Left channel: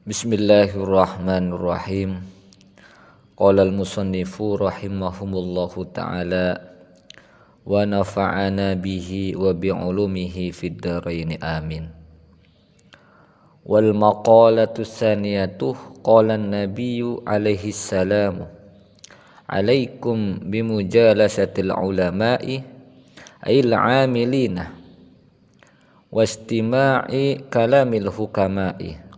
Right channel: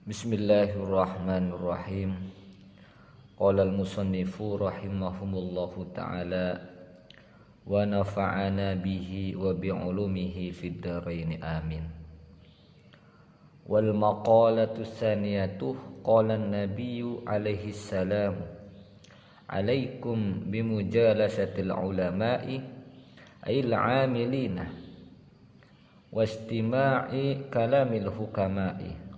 Bismillahirrahmanirrahim. Qala al-musannifu rahimahumullahu ta'ala wa nafa'ana bihi wa bi'ulumihi fid dharain amin. Wal maqalatu tsaniyatuh qala an-nabiyyu alaihi salam alaikum bimujalasatil ulama'i ayil 'amilina wastima'i kalamil hukama'i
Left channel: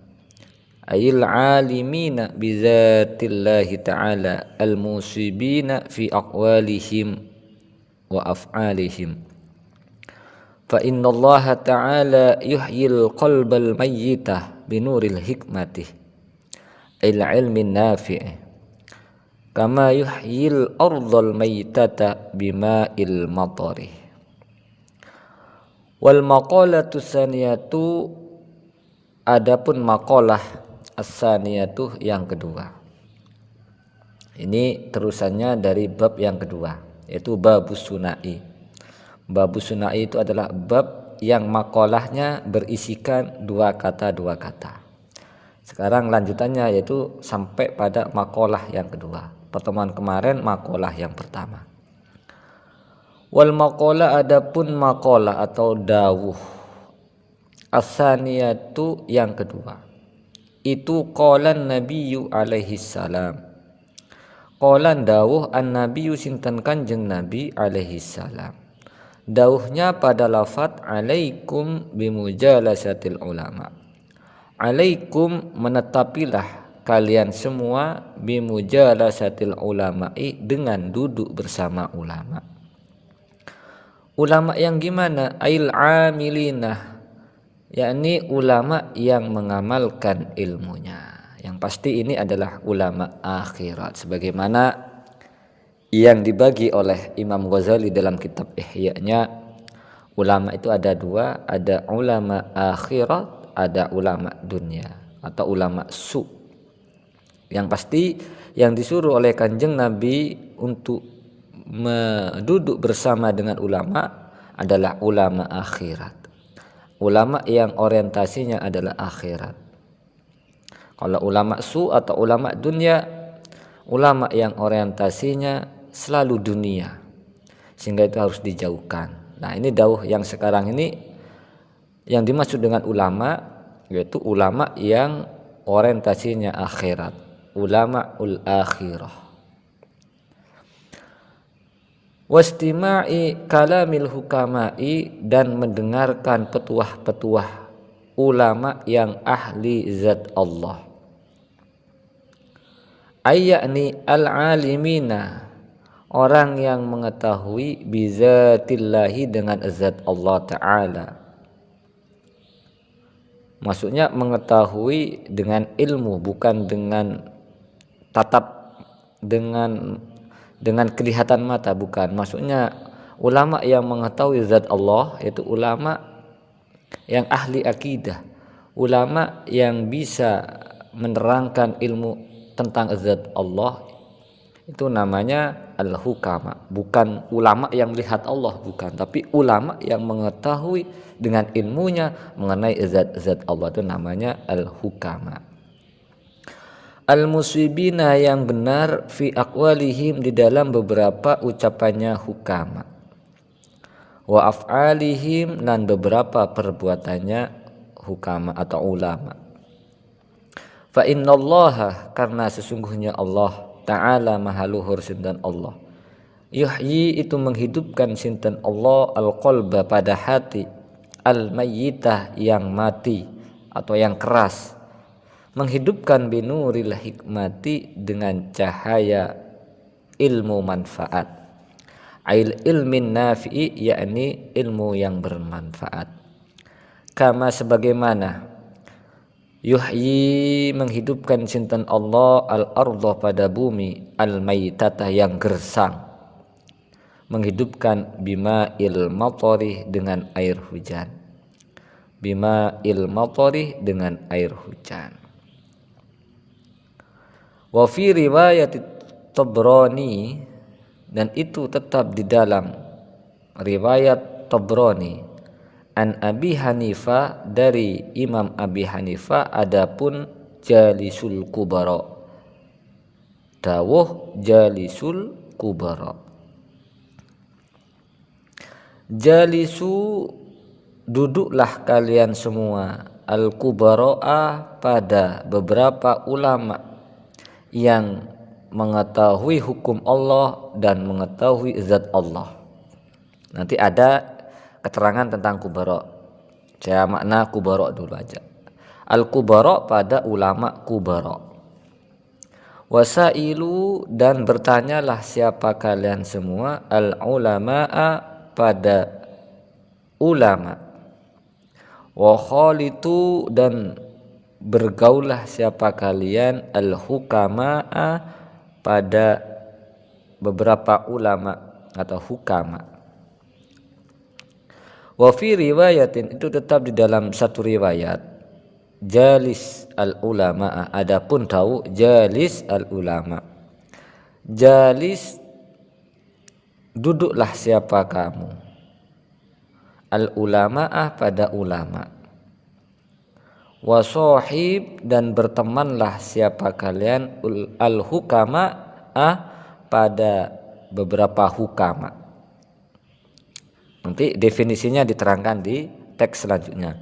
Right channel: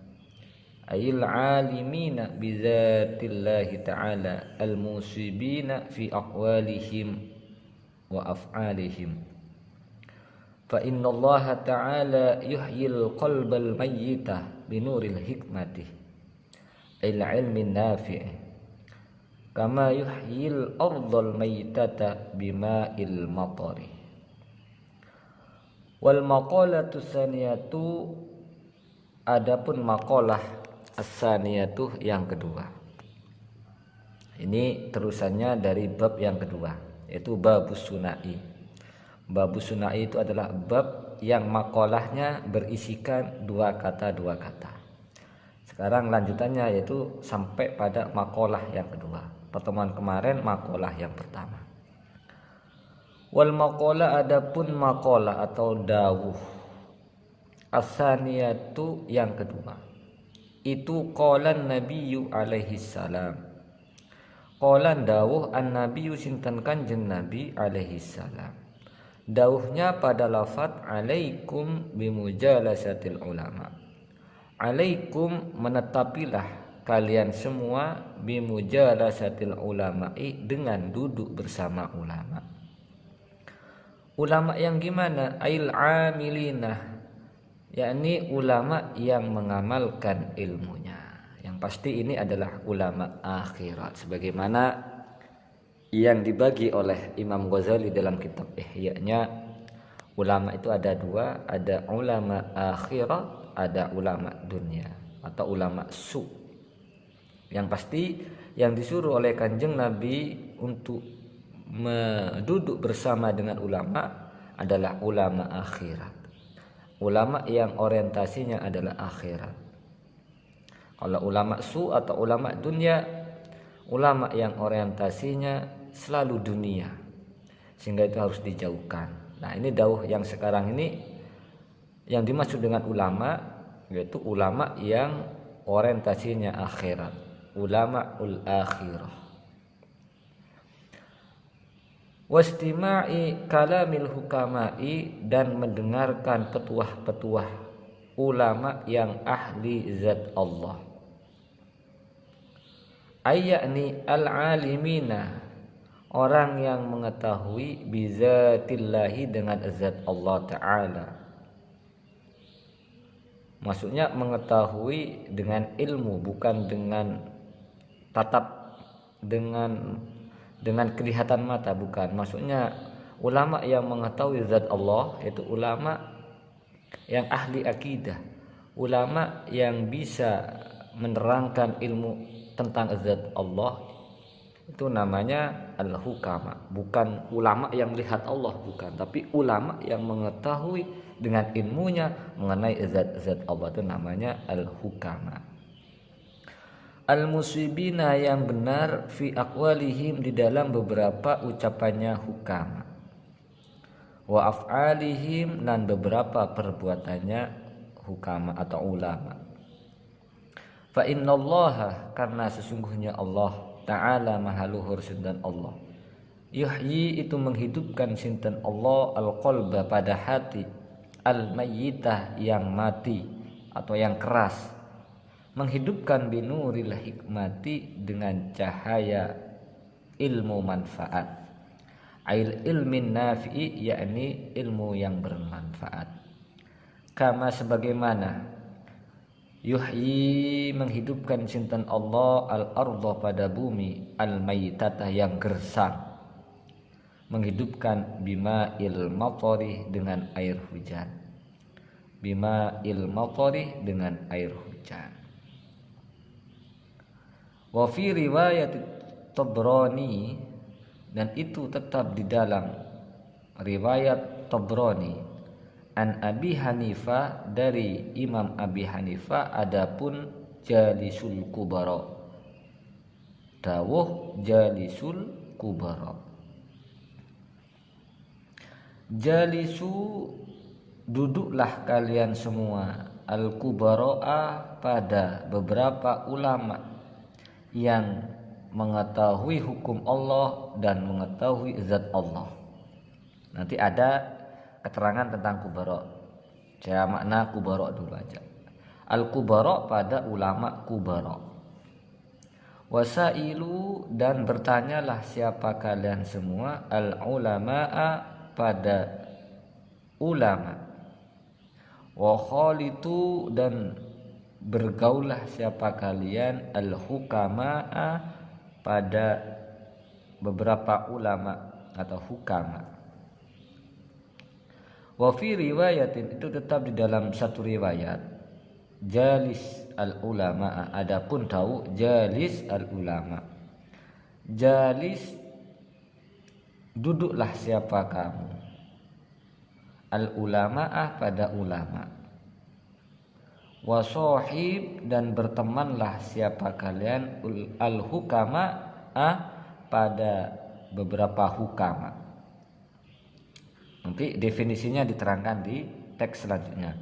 ayil alimina bizatillahi ta'ala al-musibina fi aqwalihim wa af'alihim fa inna Allah ta'ala yuhyil qalbal mayyita binuril hikmati ayil ilmin nafi'i kama yuhyil ardal mayyitata bima'il matari. Wal maqalatu tsaniyatu, adapun maqalah as-saniyatu yang kedua. Ini terusannya dari bab yang kedua, yaitu babus sunai. Babus sunai itu adalah bab yang maqalahnya berisikan dua kata. Sekarang lanjutannya yaitu sampai pada maqalah yang kedua. Pertemuan kemarin maqalah yang pertama. Wal maqalah, adapun maqalah atau dawuh as-saniyatu yang kedua. Itu qalan nabiyyu alaihi salam. Qalan dawuh an-nabiyyu sinten Kanjeng Nabi alaihi salam. Dawuhnya pada lafaz alaikum bimujalasatil ulama. Alaikum, menetapilah kalian semua bimujalasatil ulama'i, dengan duduk bersama ulama. Ulama yang gimana? Ail amilina, yakni ulama yang mengamalkan ilmunya. Yang pasti ini adalah ulama akhirat, sebagaimana yang dibagi oleh Imam Ghazali dalam kitab Ihya-nya. Ulama itu ada dua, ada ulama akhirat, ada ulama dunia atau ulama su. Yang pasti yang disuruh oleh Kanjeng Nabi untuk duduk bersama dengan ulama adalah ulama akhirat, ulama yang orientasinya adalah akhirat. Kalau ulama su atau ulama dunia, ulama yang orientasinya selalu dunia, sehingga itu harus dijauhkan. Nah, ini dawuh yang sekarang ini yang dimaksud dengan ulama, yaitu ulama yang orientasinya akhirat, ulama ul akhirah. Wastima'i kalamil hukama'i, dan mendengarkan petuah-petuah ulama yang ahli zat Allah. Ayyakni al-alimina, orang yang mengetahui bizatillahi, dengan zat Allah Ta'ala. Maksudnya mengetahui dengan ilmu, bukan dengan tatap, dengan kelihatan mata, bukan. Maksudnya ulama yang mengetahui zat Allah, yaitu ulama yang ahli akidah, ulama yang bisa menerangkan ilmu tentang zat Allah, itu namanya al-hukama. Bukan ulama yang melihat Allah, bukan, tapi ulama yang mengetahui dengan ilmunya mengenai zat-zat Allah, itu namanya al-hukama. Al-musibina, yang benar, fi aqwalihim, di dalam beberapa ucapannya hukama, wa af'alihim, dan beberapa perbuatannya hukama atau ulama. Fa innallaha, karena sesungguhnya Allah Ta'ala maha luhur sinten Allah, yuhyi, itu menghidupkan sinten Allah, al-qalba, pada hati, al-mayyitah, yang mati atau yang keras, menghidupkan binuril hikmati, dengan cahaya ilmu manfaat, ail ilmin nafi'i, yakni ilmu yang bermanfaat. Kama, sebagaimana, yuhyi, menghidupkan sinten Allah, al-ardha, pada bumi, al-maitata, yang gersang, menghidupkan bima'il matari, dengan air hujan, bima'il matari, dengan air hujan. Wa fi riwayat Tabrani, dan itu tetap di dalam riwayat Tabrani, an Abi Hanifah, dari Imam Abi Hanifah, adapun jalisul kubara. Dawuh jalisul kubara. Jalisu, duduklah kalian semua, al-kubara'a, pada beberapa ulama yang mengetahui hukum Allah dan mengetahui zat Allah. Nanti ada keterangan tentang kubara. Saya makna kubara dulu aja. Al-kubara, pada ulama kubara. Wasailu, dan bertanyalah siapa kalian semua, al-ulama'a, pada ulama. Wa khalitu, dan bergaulah siapa kalian, al-hukama'a, pada beberapa ulama atau hukama. Wa fi riwayatin, itu tetap di dalam satu riwayat, jalis al-ulama. Adapun tahu jalis al-ulama, jalis, duduklah siapa kamu, al-ulama'ah, pada ulama. Wasohib, dan bertemanlah siapa kalian, al-hukama'ah, pada beberapa hukama. Nanti definisinya diterangkan di teks selanjutnya.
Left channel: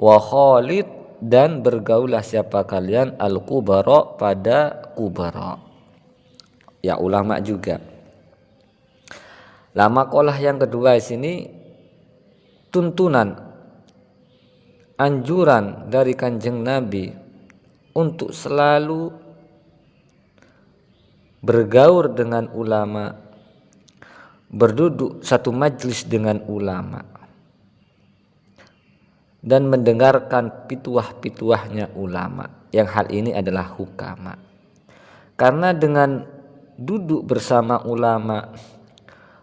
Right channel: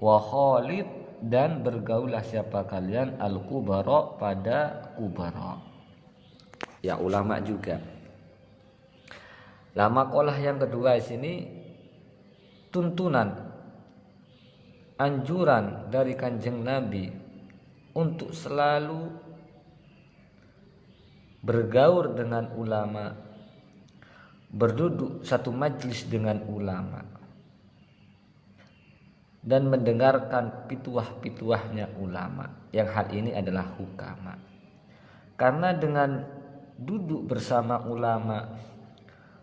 Wa khalid, dan bergaulah siapa kalian, al-kubara, pada kubara. Ya ulama juga. Lama kolah yang kedua di sini tuntunan, anjuran dari Kanjeng Nabi untuk selalu bergaul dengan ulama, berduduk satu majlis dengan ulama, dan mendengarkan pituah-pituahnya ulama, yang hal ini adalah hukama. Karena dengan duduk bersama ulama,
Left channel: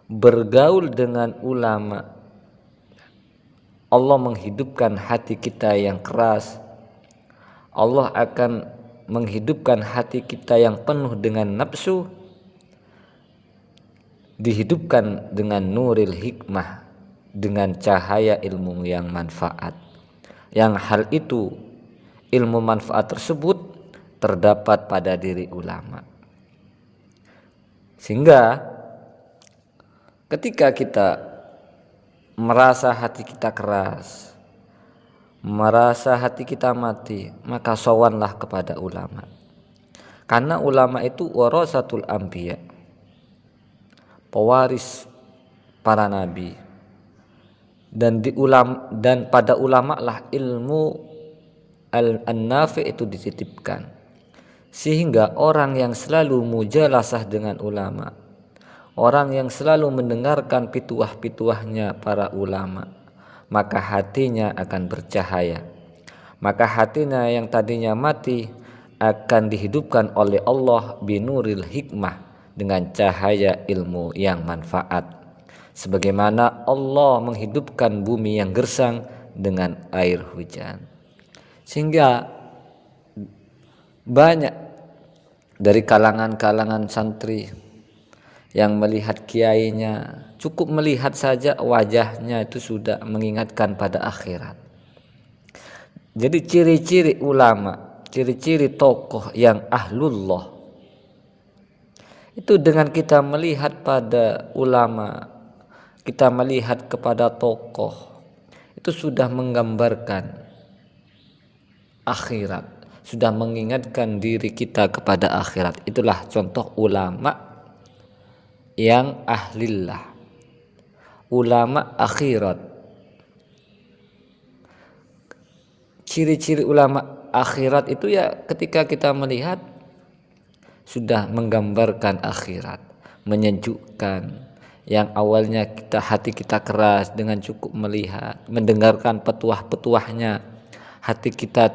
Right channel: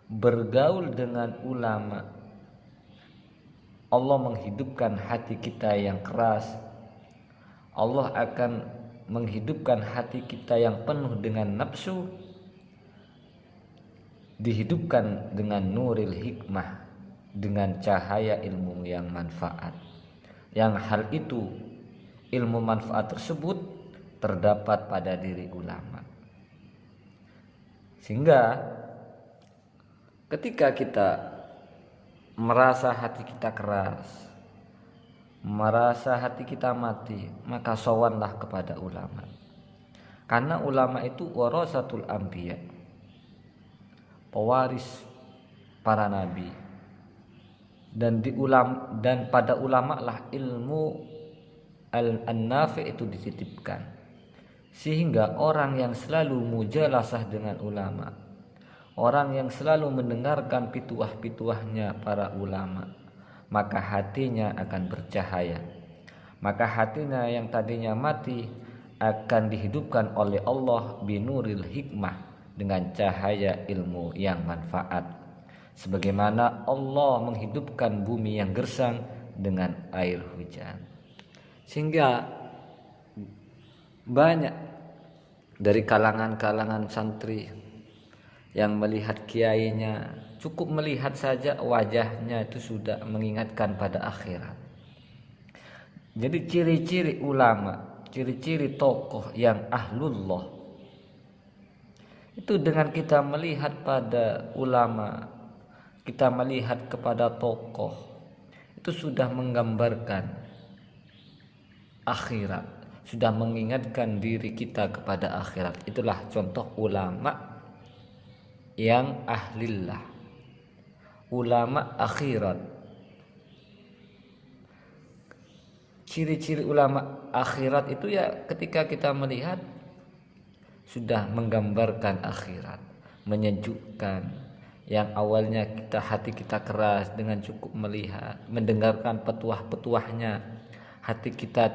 bergaul dengan ulama, Allah menghidupkan hati kita yang keras. Allah akan menghidupkan hati kita yang penuh dengan nafsu, dihidupkan dengan nuril hikmah, dengan cahaya ilmu yang manfaat. Yang hal itu, ilmu manfaat tersebut terdapat pada diri ulama. Sehingga ketika kita merasa hati kita keras, merasa hati kita mati, maka sowanlah kepada ulama. Karena ulama itu warasatul anbiya, pewaris para nabi. Dan pada ulama lah ilmu an-nafi itu dititipkan. Sehingga orang yang selalu mujalasah dengan ulama, orang yang selalu mendengarkan pituah-pituahnya para ulama, maka hatinya akan bercahaya. Maka hatinya yang tadinya mati akan dihidupkan oleh Allah binuril hikmah, dengan cahaya ilmu yang manfaat. Sebagaimana Allah menghidupkan bumi yang gersang dengan air hujan. Sehingga banyak dari kalangan-kalangan santri yang melihat kiainya, cukup melihat saja wajahnya itu sudah mengingatkan pada akhirat. Jadi ciri-ciri ulama, ciri-ciri tokoh yang ahlullah, itu dengan kita melihat pada ulama, kita melihat kepada tokoh, itu sudah menggambarkan akhirat, sudah mengingatkan diri kita kepada akhirat. Itulah contoh ulama yang ahlillah, ulama akhirat. Ciri-ciri ulama akhirat itu ya ketika kita melihat sudah menggambarkan akhirat, menyejukkan. Yang awalnya hati kita keras, dengan cukup melihat, mendengarkan petuah-petuahnya, hati kita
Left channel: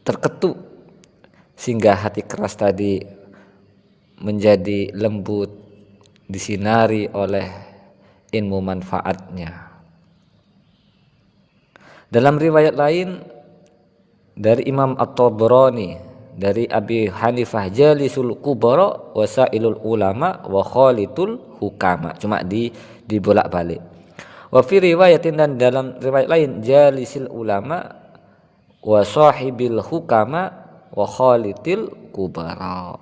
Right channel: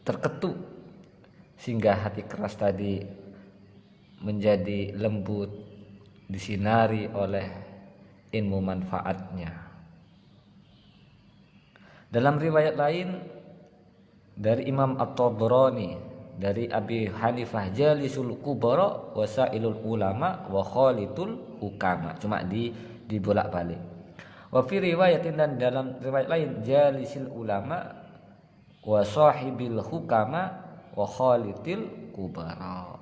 terketuk, sehingga hati keras tadi menjadi lembut, disinari oleh ilmu manfaatnya. Dalam riwayat lain dari Imam At-Tabrani dari Abi Hanifah, jalisul kubara wasailul ulama wa khalitul hukama. Cuma dibolak-balik. Wa fi riwayatin, dan dalam riwayat lain, jalisil ulama wa sahibil hukama wa khalitil kubara.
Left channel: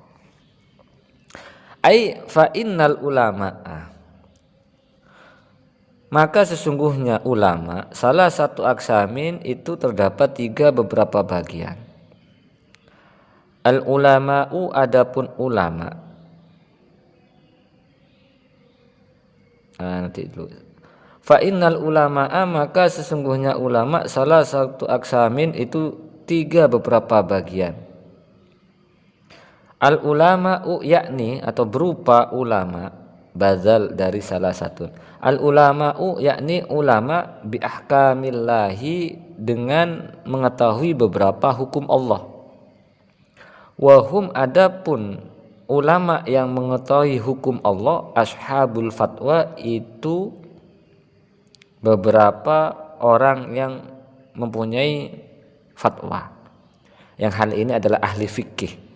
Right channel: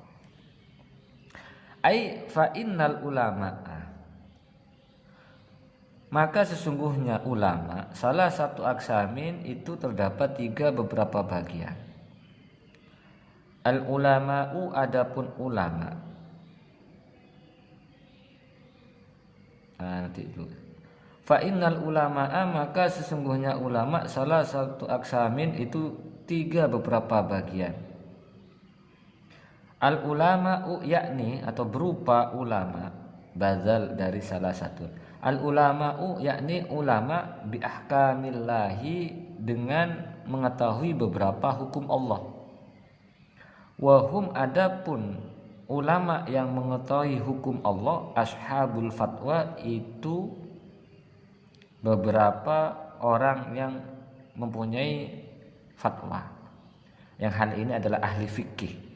Ai fa innal ulama, maka sesungguhnya ulama, salah satu aksamin itu terdapat 3 beberapa bagian. Al ulama'u, adapun ulama. Nanti dulu. Fa innal ulama'a, maka sesungguhnya ulama, salah satu aksamin itu 3 beberapa bagian. Al ulama'u, yakni atau berupa ulama, bazal dari salah satu. Al ulama'u, yakni ulama, bi ahkamillahi, dengan mengetahui beberapa hukum Allah. Wahum, adapun ulama yang mengetahui hukum Allah, ashabul fatwa, itu beberapa orang yang mempunyai fatwa, yang hal ini adalah ahli fikih.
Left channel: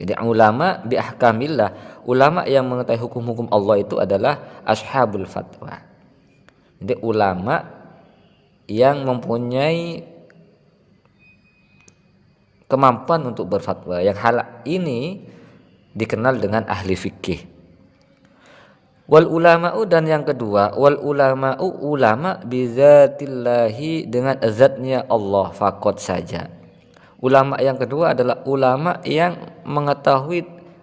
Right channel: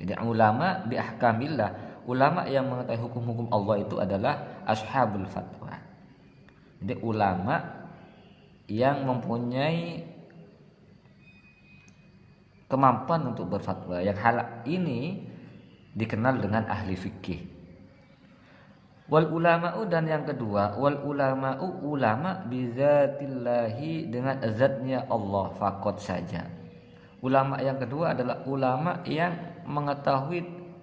Jadi ulama bi ahkamillah, ulama yang mengetahui hukum-hukum Allah itu adalah ashabul fatwa. Jadi ulama yang mempunyai kemampuan untuk berfatwa, yang hal ini dikenal dengan ahli fikih. Wal ulama'u, dan yang kedua, wal ulama'u, ulama bizatillahi, dengan zatnya Allah fakot saja. Ulama yang kedua adalah ulama yang mengetahui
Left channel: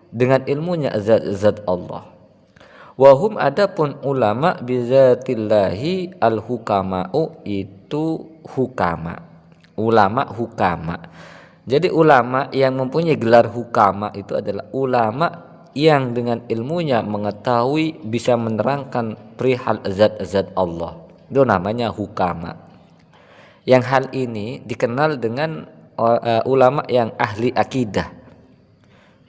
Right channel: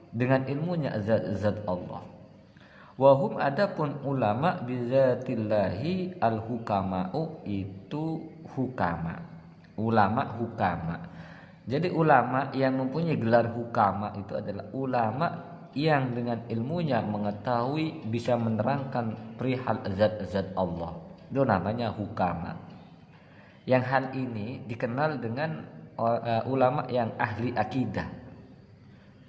dengan ilmunya zat Allah. Wahum, adapun ulama bizatillahi al hukama'u, itu hukama, ulama hukama. Jadi ulama yang mempunyai gelar hukama itu adalah ulama yang dengan ilmunya mengetahui, bisa menerangkan perihal zat-zat Allah. Itu namanya hukama. Yang hal ini dikenal dengan ulama yang ahli akidah,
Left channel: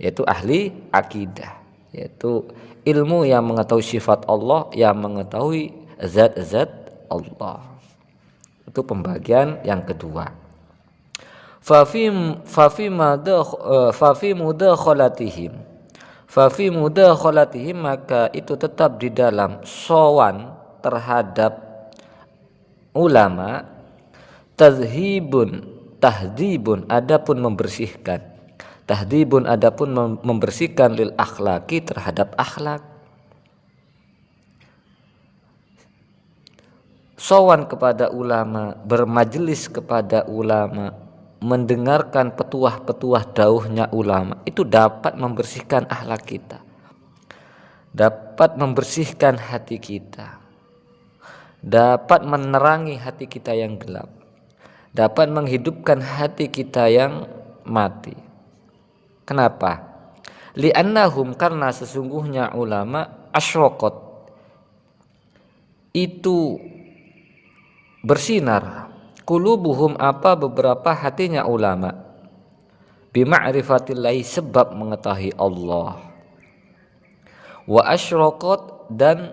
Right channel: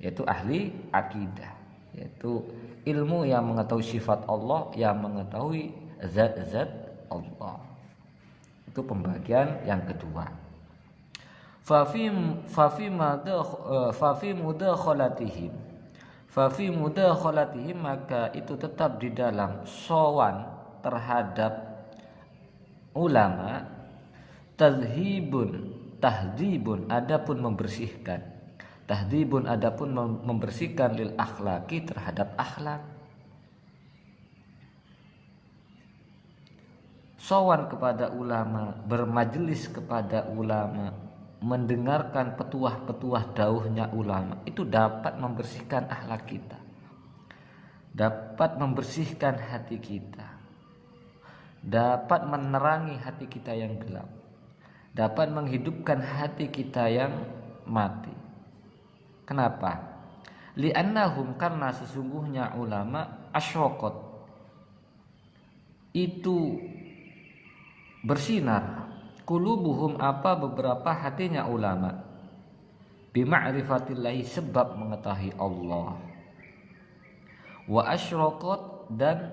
yaitu ahli akidah, yaitu ilmu yang mengetahui sifat Allah, yang mengetahui zat-zat Allah. Itu pembagian yang kedua. Fafi mudakhalatihim, maka itu tetap di dalam sowan terhadap ulama, tahdibun, adapun membersihkan, tahdibun, adapun membersihkan, lil akhlaki, terhadap akhlak. Sowan kepada ulama, bermajelis kepada ulama, mendengarkan petuah-petuah dauhnya ulama, itu dapat membersihkan akhlak kita, dapat membersihkan hati kita, dapat menerangi hati kita yang gelap, dapat menghidupkan hati kita yang mati. Kenapa? Li'annahum, karena sesungguhnya ulama, asyraqat, itu bersinar, qulubuhum, apa beberapa hatinya ulama, bima'rifatillahi, sebab mengetahui Allah. Wa asyraqat, dan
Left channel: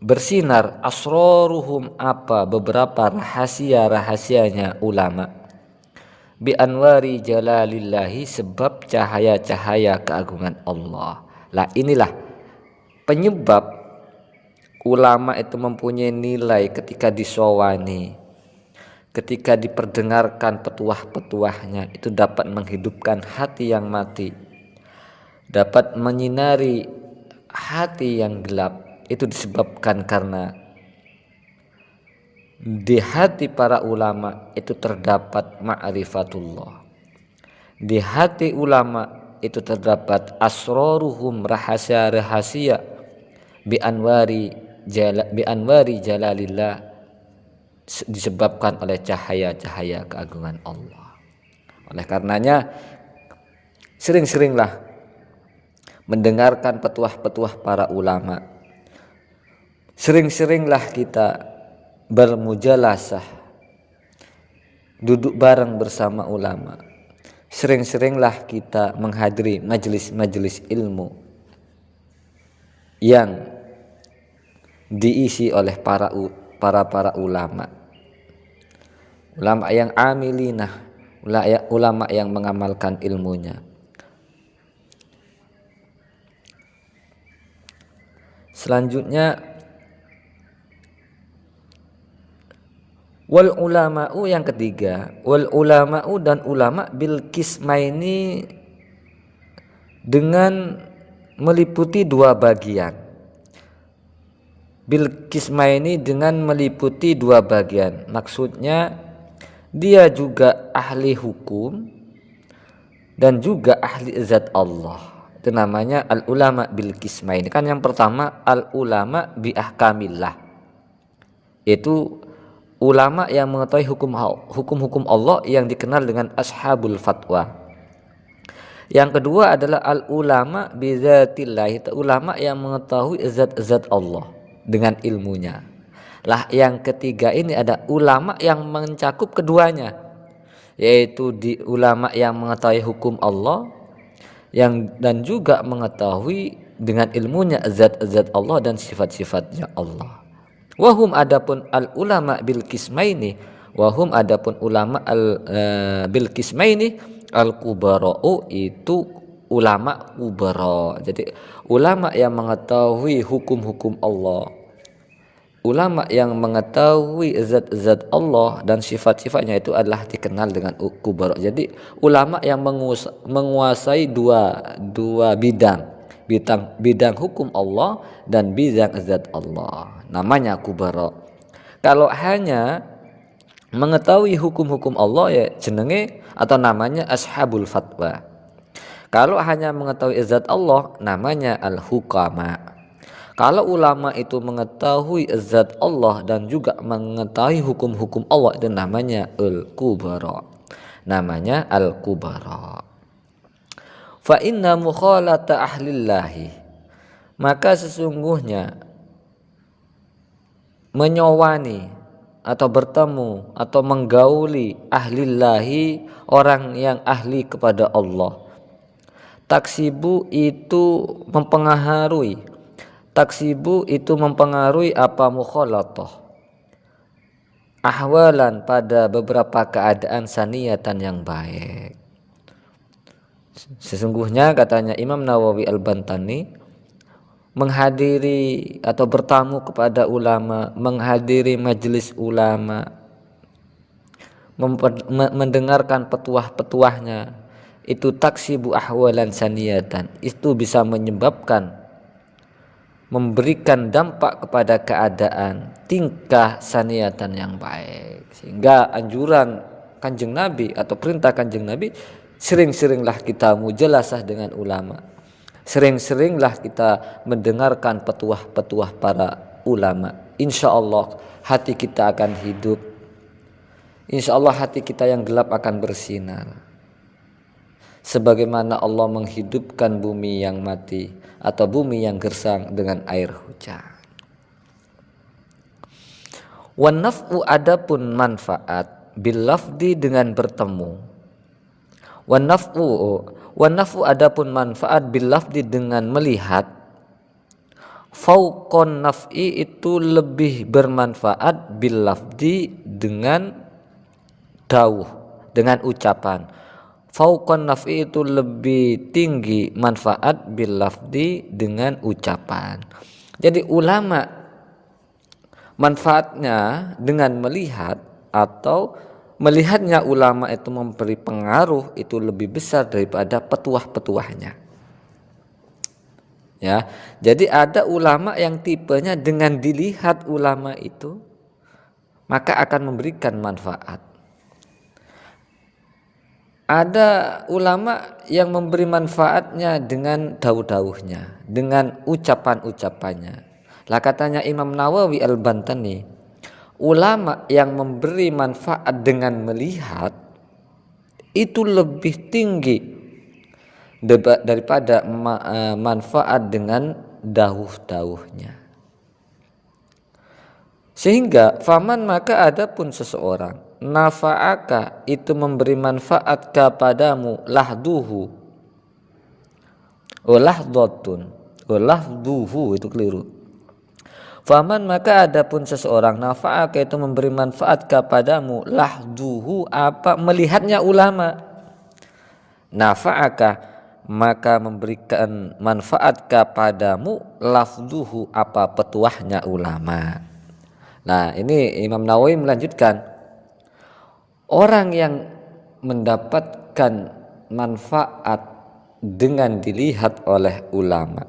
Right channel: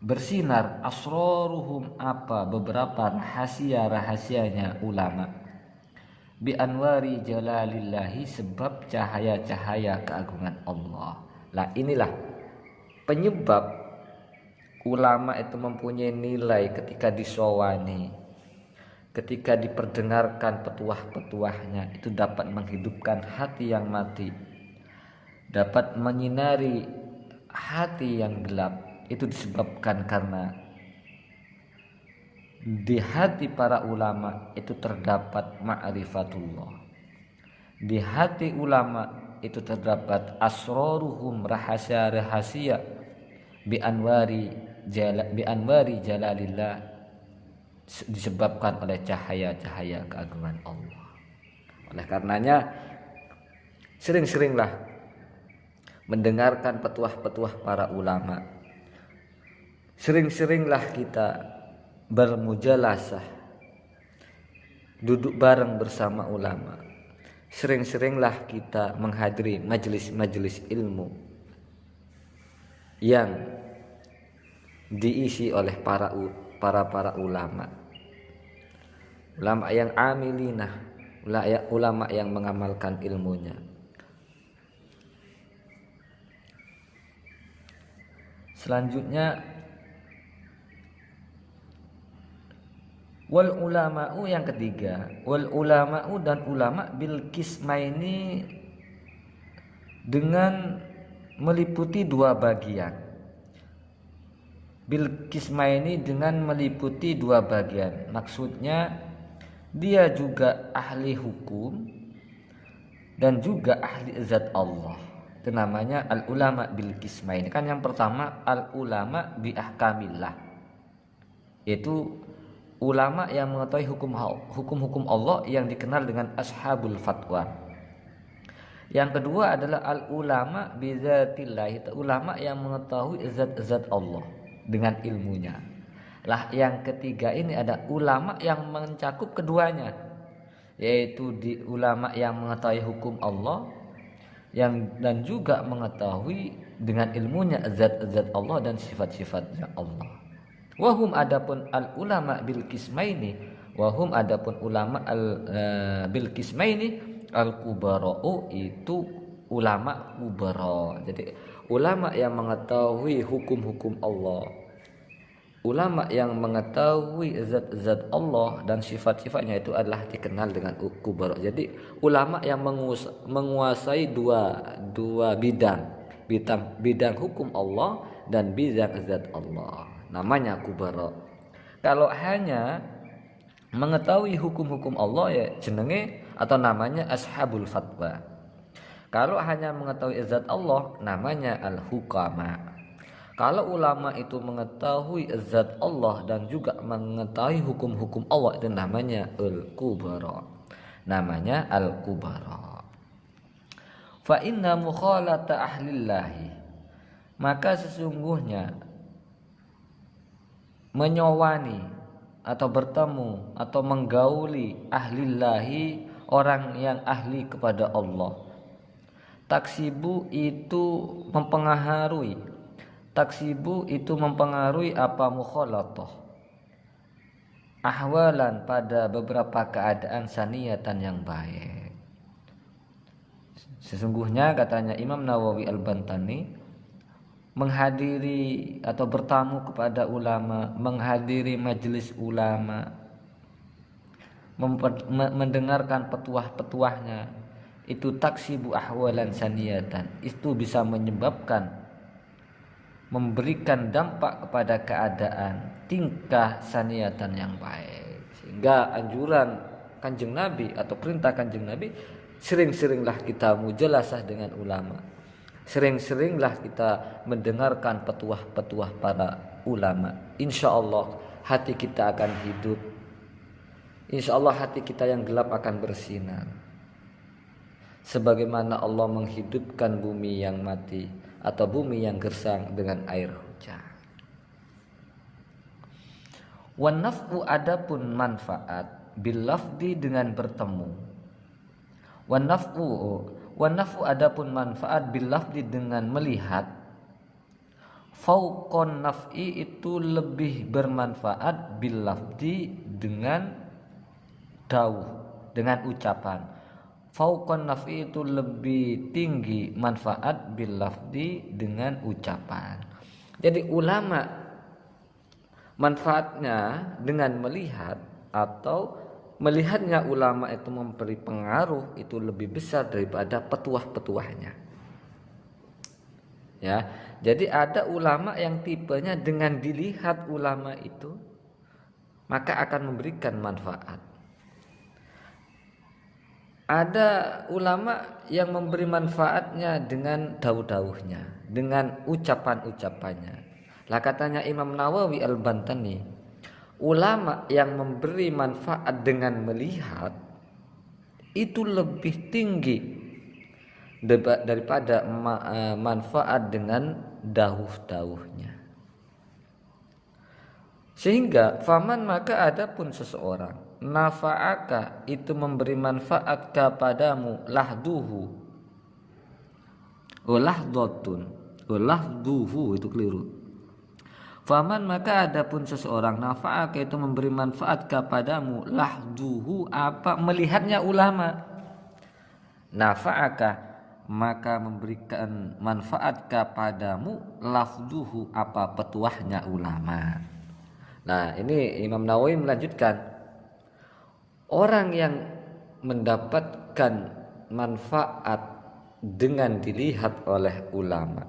bersinar, asraruhum, apa beberapa rahasia-rahasianya ulama, bi anwari jalalillahi, sebab cahaya-cahaya keagungan Allah. Lah inilah penyebab ulama itu mempunyai nilai ketika disowani, ketika diperdengarkan petuah-petuahnya, itu dapat menghidupkan hati yang mati, dapat menyinari hati yang gelap. Itu disebabkan karena di hati para ulama itu terdapat ma'rifatullah, di hati ulama itu terdapat asroruhum, rahasia-rahasia, bi anwari jalalillah, disebabkan oleh cahaya-cahaya keagungan Allah. Oleh karenanya sering-seringlah mendengarkan petuah-petuah para ulama, sering-seringlah kita bermujalasah, duduk bareng bersama ulama, sering-seringlah kita menghadiri majelis-majelis ilmu yang diisi oleh para ulama yang amilinah, ulama yang mengamalkan ilmunya. Selanjutnya wal ulama'u, yang ketiga, wal ulama'u, dan ulama bil qismaini, dengan meliputi dua bagian. Bil qismaini, dengan meliputi dua bagian. Maksudnya dia juga ahli hukum dan juga ahli zat Allah. Itu namanya al ulama bil qismaini. Kan yang pertama al ulama bi ahkamillah, itu ulama yang mengetahui hukum-hukum Allah yang dikenal dengan ashabul fatwa. Yang kedua adalah al ulama bi zatillah, ulama yang mengetahui zat-zat Allah dengan ilmunya. Lah yang ketiga ini ada ulama yang mencakup keduanya, yaitu di ulama yang mengetahui hukum Allah dan juga mengetahui dengan ilmunya zat-zat Allah dan sifat-sifatnya Allah. Wahum, adapun al ulama bil qismaini, wahum, adapun ulama bil qismaini al kubara'u, itu ulama kubara. Jadi ulama yang mengetahui hukum-hukum Allah, ulama yang mengetahui zat-zat Allah dan sifat-sifatnya, itu adalah dikenal dengan kubara. Jadi ulama yang menguasai dua bidang hukum Allah dan bidang zat Allah, namanya kubara. Kalau hanya mengetahui hukum-hukum Allah, ya jenenge atau namanya ashabul fatwa. Kalau hanya mengetahui zat Allah, namanya al-hukama. Kalau ulama itu mengetahui zat Allah dan juga mengetahui hukum-hukum Allah, itu namanya al-kubara. Namanya al-kubara. Fa inna mukhalata ahlillahi, maka sesungguhnya menyowani atau bertemu atau menggauli ahlillahi, orang yang ahli kepada Allah. Taksibu itu mempengaruhi. Taksibu itu mempengaruhi apa? Mukhalatah, ahwalan, pada beberapa keadaan saniyatan yang baik. Sesungguhnya katanya Imam Nawawi Al-Bantani, menghadiri atau bertamu kepada ulama, menghadiri majelis ulama, mendengarkan petuah-petuahnya, itu taksibu ahwalan saniyatan, itu bisa menyebabkan, memberikan dampak kepada keadaan tingkah saniyatan yang baik. Sehingga anjuran Kanjeng Nabi atau perintah Kanjeng Nabi, sering-seringlah kita mujalasah dengan ulama, sering-seringlah kita mendengarkan petuah-petuah para ulama. Insya Allah hati kita akan hidup, insya Allah hati kita yang gelap akan bersinar, sebagaimana Allah menghidupkan bumi yang mati atau bumi yang gersang dengan air hujan. Wan naf'u, adapun manfaat, bil lafdi, dengan bertemu. Wan naf'u, adapun manfaat, bil lafdi, dengan melihat. Fauqon naf'i, itu lebih bermanfaat, bil lafdi, dengan dawuh, dengan ucapan. Fauqon naf'i, itu lebih tinggi manfaat, bil lafdi, dengan ucapan. Jadi ulama manfaatnya dengan melihat, atau melihatnya ulama itu memberi pengaruh, itu lebih besar daripada petuah-petuahnya. Ya, jadi ada ulama yang tipenya dengan dilihat ulama itu maka akan memberikan manfaat. Ada ulama yang memberi manfaatnya dengan dawuh-dawuhnya, dengan ucapan-ucapannya. Lah katanya Imam Nawawi Al-Bantani, ulama yang memberi manfaat dengan melihat itu lebih tinggi daripada manfaat dengan dawuh-dawuhnya. Sehingga faman, maka adapun seseorang, nafa'aka, itu memberi manfaat kepadamu, lahduhu, lahdotun, lahduhu, itu keliru. Faman, maka adapun seseorang, nafa'aka, itu memberi manfaat kepadamu, lahduhu, apa? Melihatnya ulama. Nafa'aka, maka memberikan manfaat kepadamu lafzuhu, apa petuahnya ulama. Nah, ini Imam Nawawi melanjutkan, orang yang mendapatkan manfaat dengan dilihat oleh ulama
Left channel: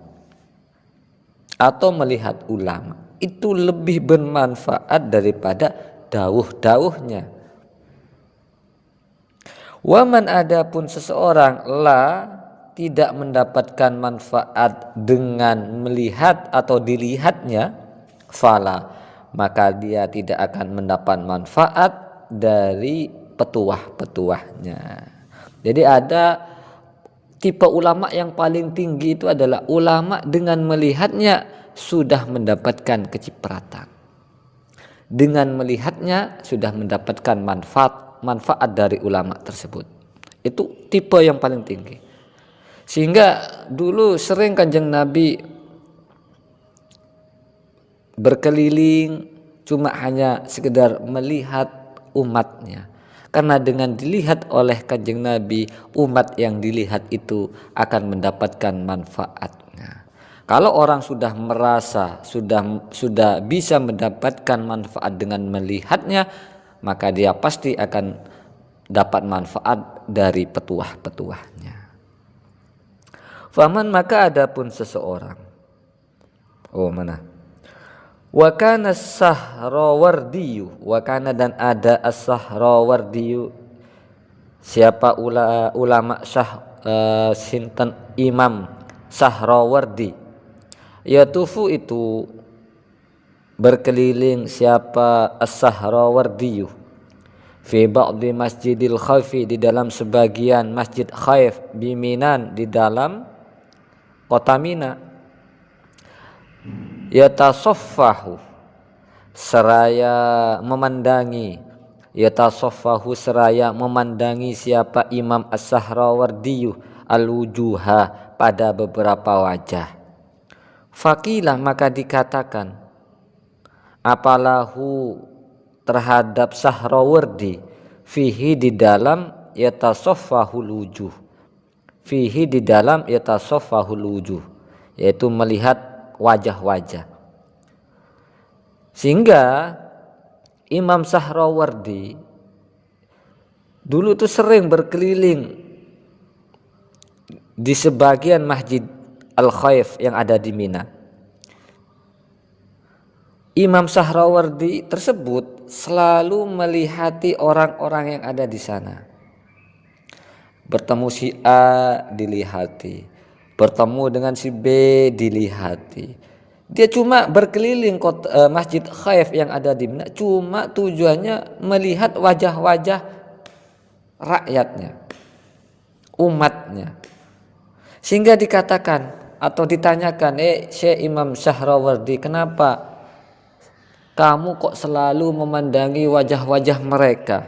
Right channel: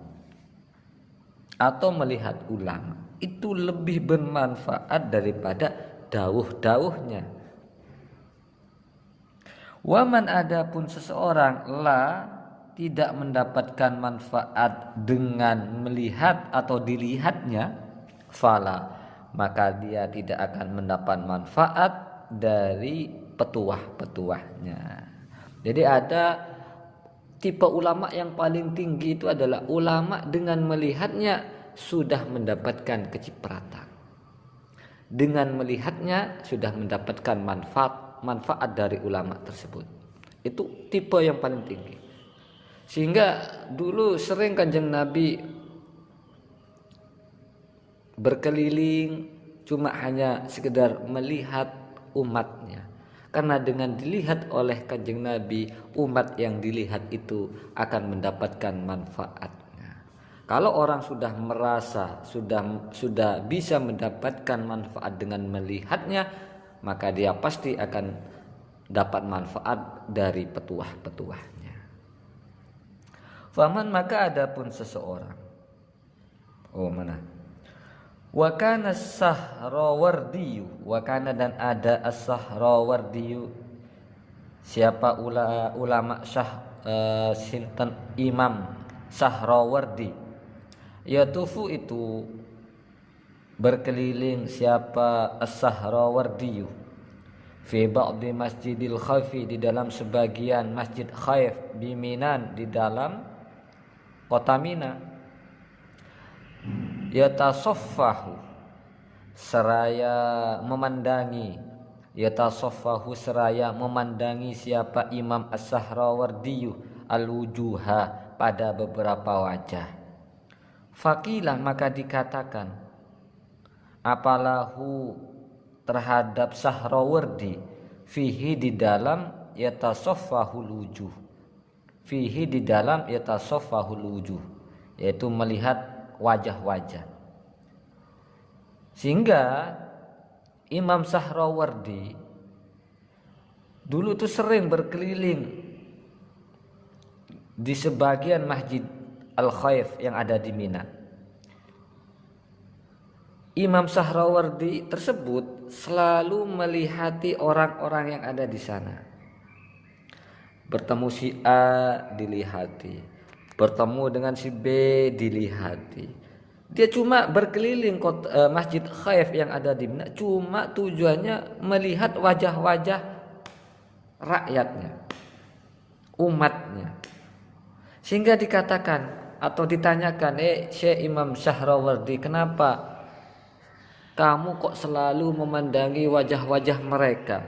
atau melihat ulama itu lebih bermanfaat daripada dawuh-dawuhnya. Waman, adapun seseorang tidak mendapatkan manfaat dengan melihat atau dilihatnya, fala, maka dia tidak akan mendapat manfaat dari petuah-petuahnya. Jadi ada tipe ulama yang paling tinggi itu adalah ulama dengan melihatnya sudah mendapatkan kecipratan. Dengan melihatnya sudah mendapatkan manfaat dari ulama tersebut. Itu tipe yang paling tinggi. Sehingga dulu sering Kanjeng Nabi berkeliling cuma hanya sekedar melihat umatnya. Karena dengan dilihat oleh Kanjeng Nabi, umat yang dilihat itu akan mendapatkan manfaatnya. Kalau orang sudah merasa sudah bisa mendapatkan manfaat dengan melihatnya, maka dia pasti akan dapat manfaat dari petuah-petuahnya. Faman, maka adapun seseorang. Wa kana as-Sahrawardiyu, wa kana dan ada as-Sahrawardiyu. Siapa ulama sinten Imam Sahrawardi. Yatufu, itu berkeliling siapa as-Sahrawardiyu fi ba'di Masjidil Khaifi, di dalam sebagian Masjid Khaif biminan, di dalam kota Mina. Yatasoffahu, seraya memandangi, yatasoffahu seraya memandangi siapa Imam As-Sahrawardiyu al-wujuha, pada beberapa wajah. Faqilah, maka dikatakan, apalahu, terhadap Sahrawardi, fihi, di dalam yatasoffahul wujuh, fihi, di dalam yatasoffahul wujuh, yaitu melihat wajah-wajah. Sehingga Imam Sahrawardi dulu tuh sering berkeliling di sebagian Masjid Al-Khaif yang ada di Mina. Imam Sahrawardi tersebut selalu melihati orang-orang yang ada di sana. Bertemu si A dilihati, bertemu dengan si B dilihati. Dia cuma berkeliling Masjid Khaif yang ada di Mina, cuma tujuannya melihat wajah-wajah rakyatnya, umatnya. Sehingga dikatakan atau ditanyakan, Syekh Imam Sahrawardi, kenapa kamu kok selalu memandangi wajah-wajah mereka?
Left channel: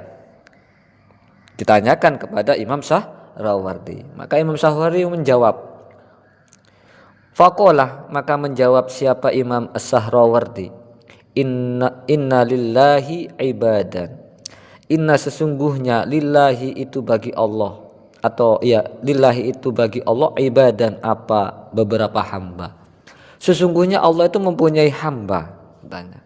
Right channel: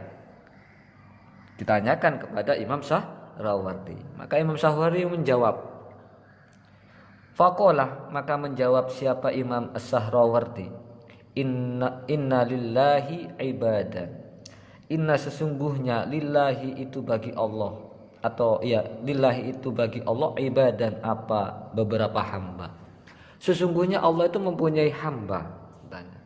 Ditanyakan kepada Imam Sahrawardi. Maka Imam Sahrawardi menjawab, faqalah, maka menjawab siapa Imam As-Sahrawardi, inna lillahi ibadan, inna, sesungguhnya, lillahi itu bagi Allah, atau lillahi itu bagi Allah, ibadan, apa beberapa hamba. Sesungguhnya Allah itu mempunyai hamba. Tanya,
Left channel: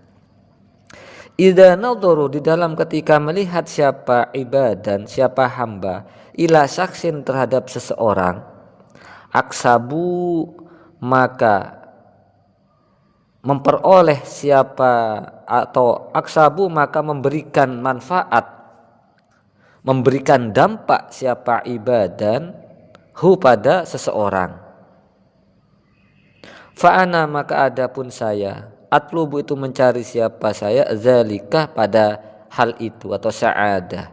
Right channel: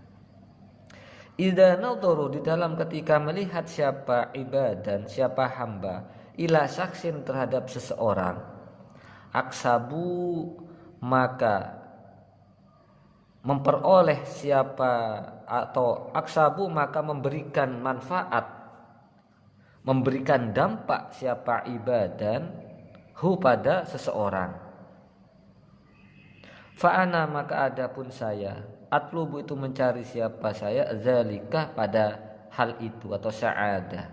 idza nadharu, di dalam ketika melihat siapa ibadan, siapa hamba, ila saksin, terhadap seseorang, aksabu, maka memperoleh siapa, atau aksabu, maka memberikan manfaat, memberikan dampak siapa ibadan, hu, pada seseorang. Fa'ana, maka adapun saya, atlubu, itu mencari siapa saya, zalikah, pada hal itu, atau sa'adah,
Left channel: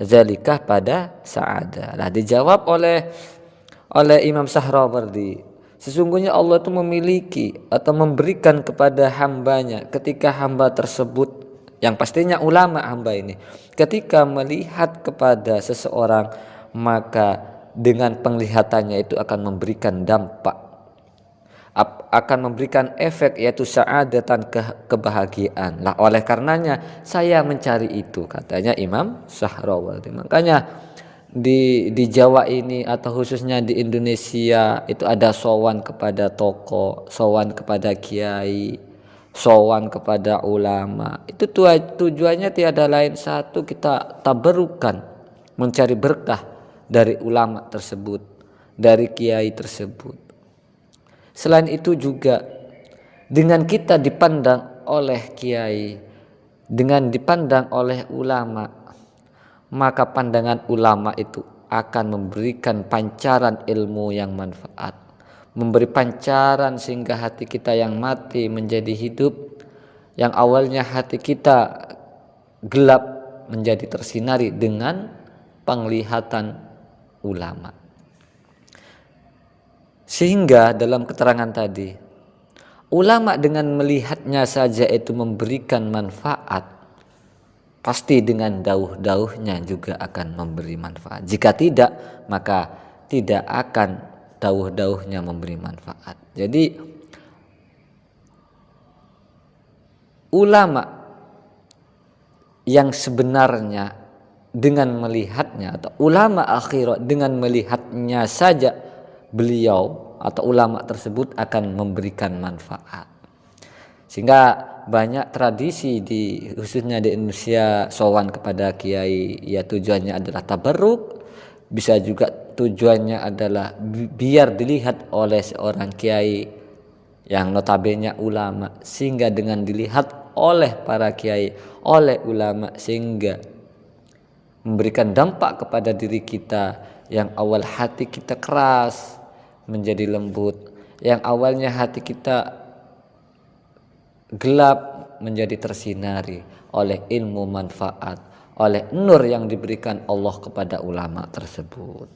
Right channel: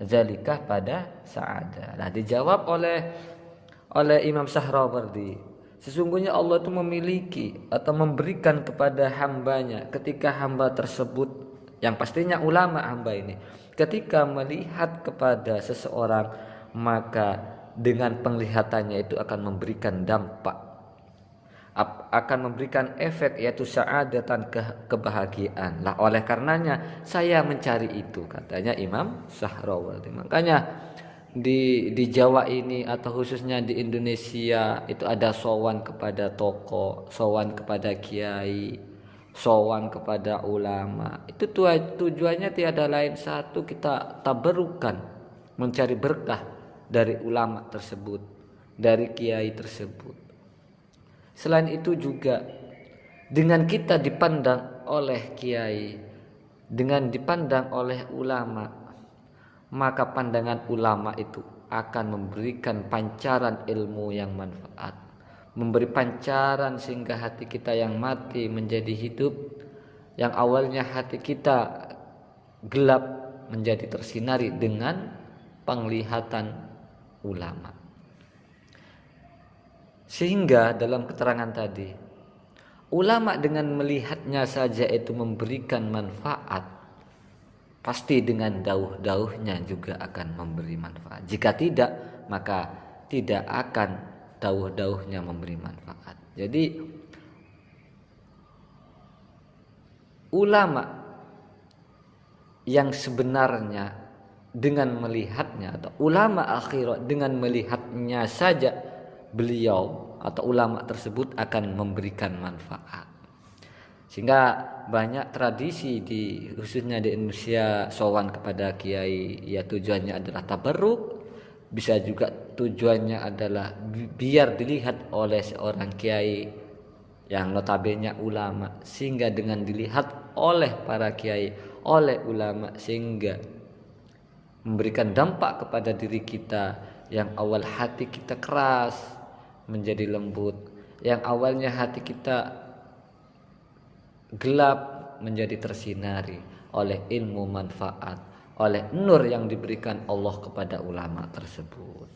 zalikah, pada sa'adah. Lah dijawab oleh Imam Sahrawardi, sesungguhnya Allah itu memiliki atau memberikan kepada hambanya, ketika hamba tersebut, yang pastinya ulama hamba ini, ketika melihat kepada seseorang, maka dengan penglihatannya itu akan memberikan dampak, akan memberikan efek, yaitu sa'adatan, kebahagiaan. Lah oleh karenanya saya mencari itu, katanya Imam Sahrawardi. Makanya di Jawa ini atau khususnya di Indonesia itu ada sowan kepada tokoh, sowan kepada kiai, sowan kepada ulama. Itu tujuannya tiada lain satu, kita tabarukan, mencari berkah dari ulama tersebut, dari kiai tersebut. Selain itu juga dengan kita dipandang oleh kiai, dengan dipandang oleh ulama, maka pandangan ulama itu akan memberikan pancaran ilmu yang manfaat, memberi pancaran sehingga hati kita yang mati menjadi hidup, yang awalnya hati kita gelap menjadi tersinari dengan penglihatan ulama. Sehingga dalam keterangan tadi, ulama dengan melihatnya saja itu memberikan manfaat, pasti dengan dauh-dauhnya juga akan memberi manfaat. Jika tidak, maka tidak akan dauh-dauhnya memberi manfaat. Jadi ulama yang sebenarnya dengan melihatnya, atau ulama akhirat dengan melihatnya saja, beliau atau ulama tersebut akan memberikan manfaat. Sehingga banyak tradisi khususnya di Indonesia, sowan kepada kiai ya tujuannya adalah tabarruk, bisa juga tujuannya adalah biar dilihat oleh seorang kiai yang notabene ulama, sehingga dengan dilihat oleh para kiai, oleh ulama, sehingga memberikan dampak kepada diri kita yang awal hati kita keras menjadi lembut, yang awalnya hati kita gelap menjadi tersinari oleh ilmu manfaat, oleh nur yang diberikan Allah kepada ulama tersebut.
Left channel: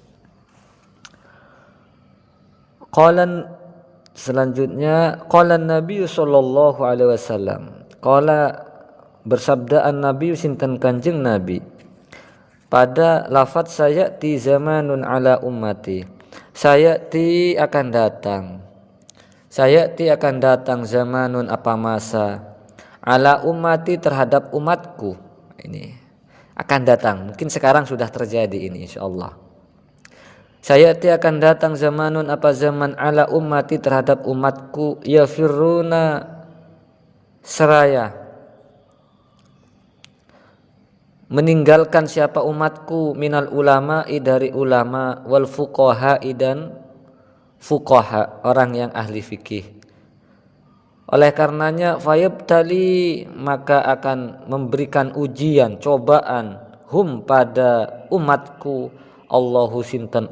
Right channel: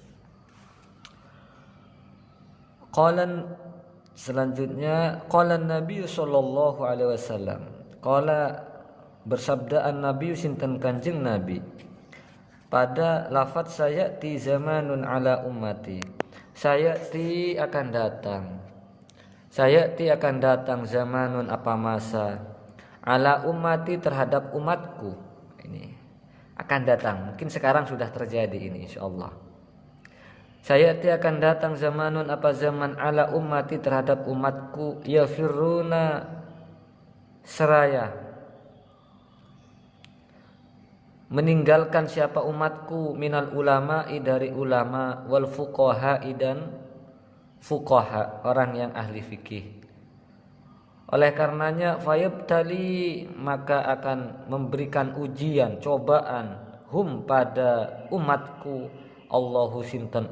Selanjutnya qala Nabi sallallahu alaihi wasallam, qala bersabdaan Nabi sinten Kanjeng Nabi pada lafaz sayati zamanun ala ummati, sayati akan datang zamanun apa masa, ala ummati terhadap umatku. Ini akan datang, mungkin sekarang sudah terjadi ini insyaallah. Sayati akan datang zamanun apa zaman, ala ummati terhadap umatku, yafiruna seraya meninggalkan siapa umatku, minal ulama'i dari ulama, wal fuqaha'i dan fuqaha, orang yang ahli fikih. Oleh karenanya fayabtali, maka akan memberikan ujian, cobaan, hum pada umatku, Allahu sinten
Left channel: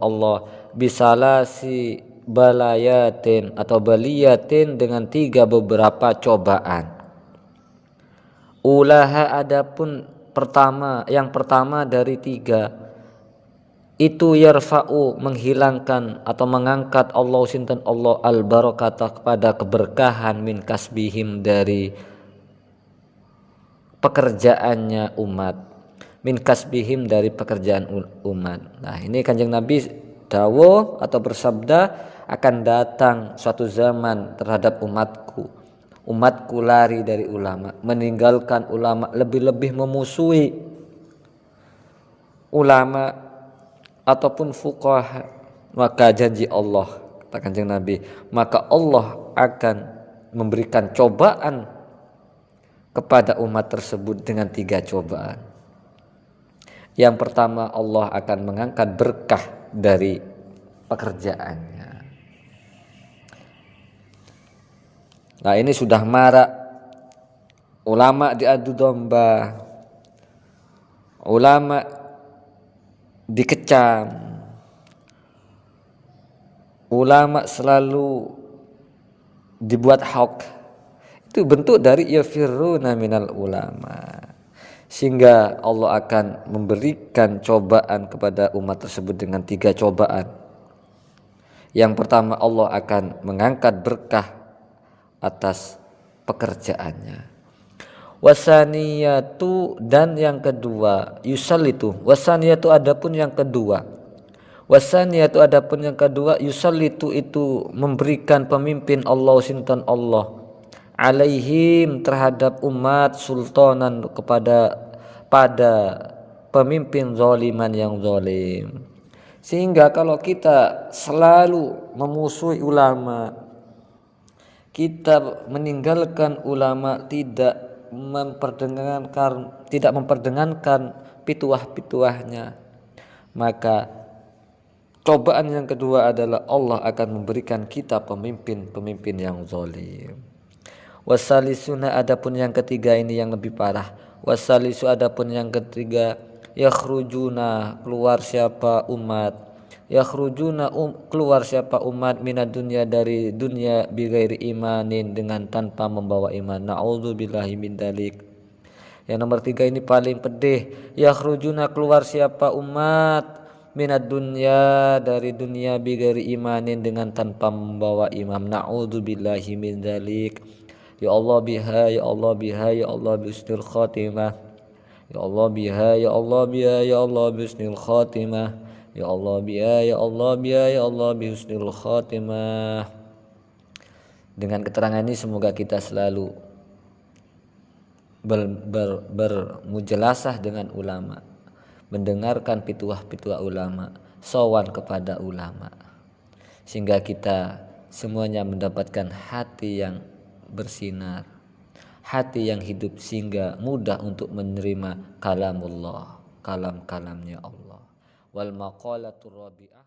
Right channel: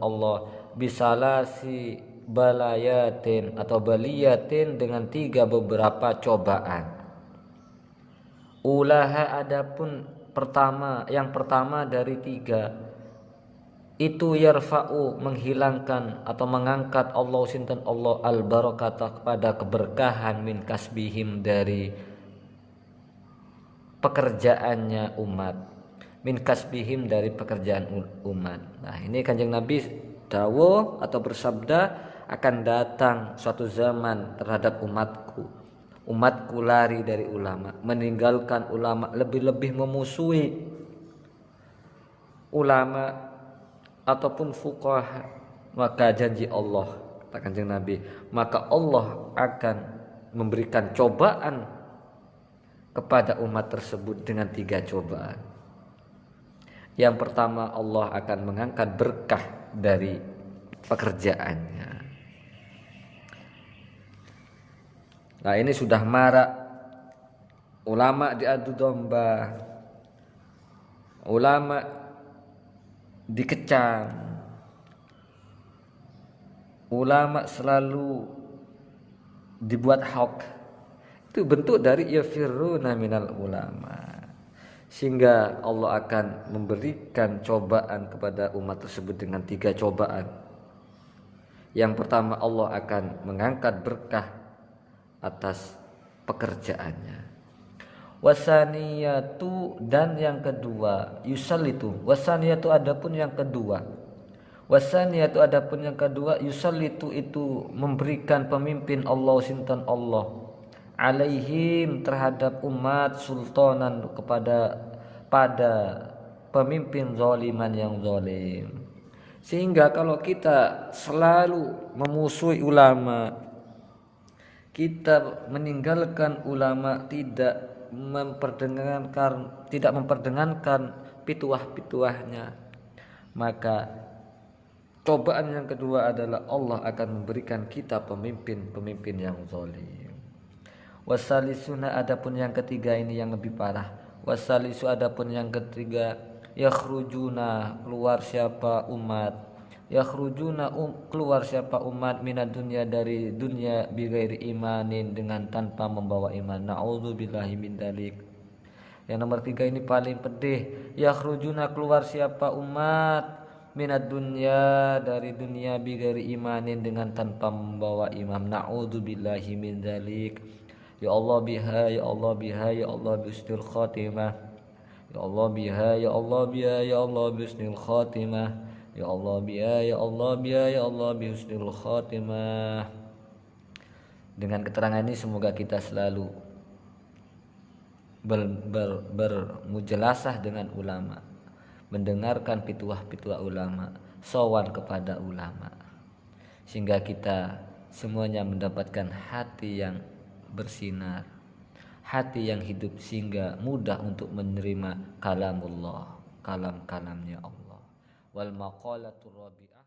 Allah bisalasi balayatin atau baliyatin, dengan 3 beberapa cobaan. Ulaha adapun yang pertama dari 3 itu, yarfa'u menghilangkan atau mengangkat Allah sinten Allah al barakatah kepada keberkahan, min kasbihim dari pekerjaannya umat, min kasbihim dari pekerjaan umat. Nah, ini Kanjeng Nabi dawuh atau bersabda, akan datang suatu zaman terhadap umatku lari dari ulama, meninggalkan ulama, lebih-lebih memusuhi ulama ataupun fuqaha. Maka janji Allah, kata Kanjeng Nabi, maka Allah akan memberikan cobaan kepada umat tersebut dengan 3 cobaan. Yang pertama, Allah akan mengangkat berkah dari pekerjaannya. Nah, ini sudah marak, ulama diadu domba, ulama dikecam, ulama selalu dibuat hoax. Itu bentuk dari yafiruna minal ulama. Sehingga Allah akan memberikan cobaan kepada umat tersebut dengan 3 cobaan. Yang pertama, Allah akan mengangkat berkah atas pekerjaannya. Wasaniyatu, dan yang kedua, yusallitu. Wasaniyatu adapun yang kedua, yusallitu itu memberikan pemimpin Allah sinten Allah, alaihim terhadap umat, sultanan pada pemimpin zaliman yang zalim. Sehingga kalau kita selalu memusuhi ulama, kita meninggalkan ulama, tidak memperdengarkan pituah-pituahnya, maka cobaan yang kedua adalah Allah akan memberikan kita pemimpin-pemimpin yang zalim. Wasalisuna, adapun yang ketiga ini yang lebih parah. Wasalisu, adapun yang ketiga, yakhrujuna, keluar siapa umat, yakhrujuna keluar siapa umat, minad dunya, dari dunia, bighairi imanin, dengan tanpa membawa iman. Na'udzubillahi min dzalik. Yang nomor tiga ini paling pedih. Yakhrujuna, keluar siapa umat, minad dunya, dari dunia, bighairi imanin, dengan tanpa membawa iman. Na'udzubillahi min dzalik. Ya Allah biha, ya Allah biha, ya Allah bisnil khatimah. Ya Allah biha, ya Allah biha, ya Allah bisnil khatimah. Ya Allah biha, ya Allah biha, ya Allah bisnil khatimah. Dengan keterangan ini semoga kita selalu bermujalasah dengan ulama, mendengarkan pituah-pituah ulama, sowan kepada ulama, sehingga kita semuanya mendapatkan hati yang bersinar, hati yang hidup, sehingga mudah untuk menerima kalamullah, kalam-kalamnya Allah. Wal maqalatur rabi'ah.